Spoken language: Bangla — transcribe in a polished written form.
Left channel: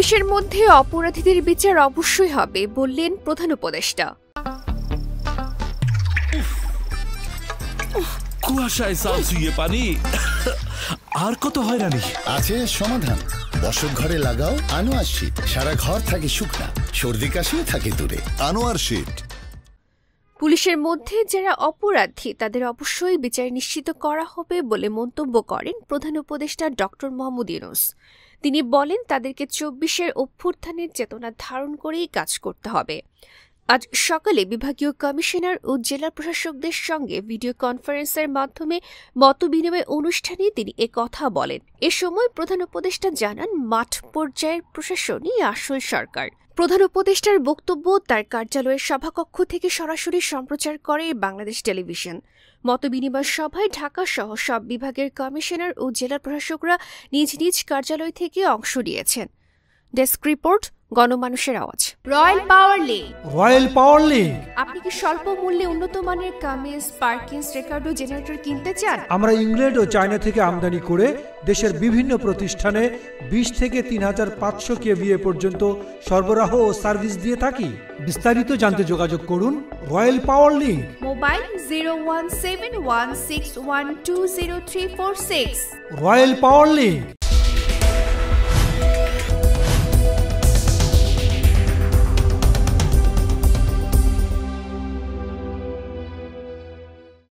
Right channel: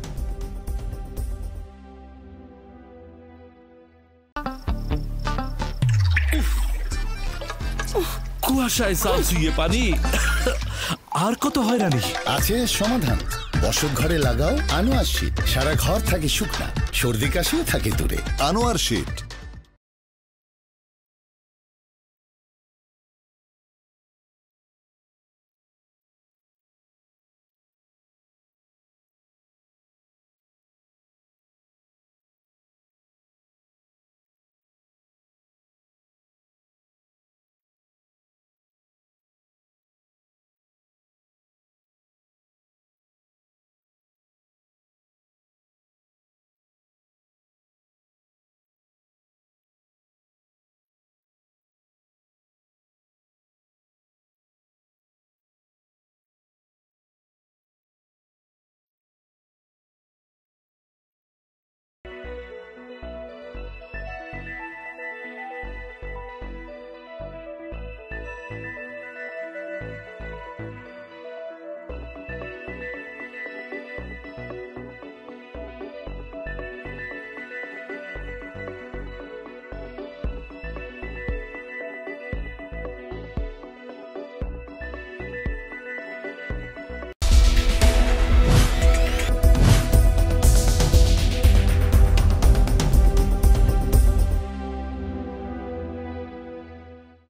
পুলিশের মধ্যে অপরাধীদের বিচার অবশ্যই হবে বললেন প্রধান উপদেষ্টা। কুয়াশায় সালসুইয়ে পানি আর কত হয়রানি আছে সমাধান। বসত ঘরে লাগাও আনোয়ার শীট, সারা ঘর থাকে শুকনা, সর্দি কাশিও থাকে দূরে। আনোয়ার শীট। পুলিশের মধ্যে যারা অপরাধী তাদের অবশ্যই বিচার নিশ্চিত করা হবে বলে মন্তব্য করেন প্রধান উপদেষ্টা ডক্টর মোহাম্মদ ইউনূস। তিনি বলেন তাদেরকে ২৪-এর অভ্যুত্থানের চেতনা ধারণ করেই কাজ করতে হবে। আজ সকালে বিভাগীয় কমিশনার ও জেলা প্রশাসকদের সঙ্গে ভিডিও কনফারেন্সের মাধ্যমে মতবিনিময় অনুষ্ঠানে তিনি একথা বলেন। এ সময় প্রধান উপদেষ্টা জানান, মাঠ পর্যায়ের প্রশাসনই আসল সরকার। প্রধান উপদেষ্টার বক্তব্য তার কার্যালয়ের সভাকক্ষ থেকে সরাসরি সম্প্রচার করে বাংলাদেশ টেলিভিশন। মতবিনিময় সভায় ঢাকা সহ সব বিভাগের কমিশনার ও জেলা প্রশাসকরা নিজ নিজ কার্যালয় থেকে অংশ নিয়েছেন। ডেস্ক রিপোর্ট, গণমানুষের আওয়াজ। রয়্যাল পাওয়ার লিঙ্ক। আপনি কি স্বল্প মূল্যে উন্নত মানের কামিজ, পার্কিংস, রেকর্ডো জেনারেটর কিনতে চান? আমরা ইংল্যান্ড ও চায়না থেকে আমদানি করে দেশের বিভিন্ন প্রতিষ্ঠানে ২০ থেকে ৩৫০০ কেভিএ পর্যন্ত সরবরাহ ও সার্ভিস দিয়ে থাকি। বিস্তারিত জানতে যোগাযোগ করুন রয়্যাল পাওয়ার লিঙ্ক। মোবাইল 01716120346। রয়্যাল পাওয়ার লিঙ্ক।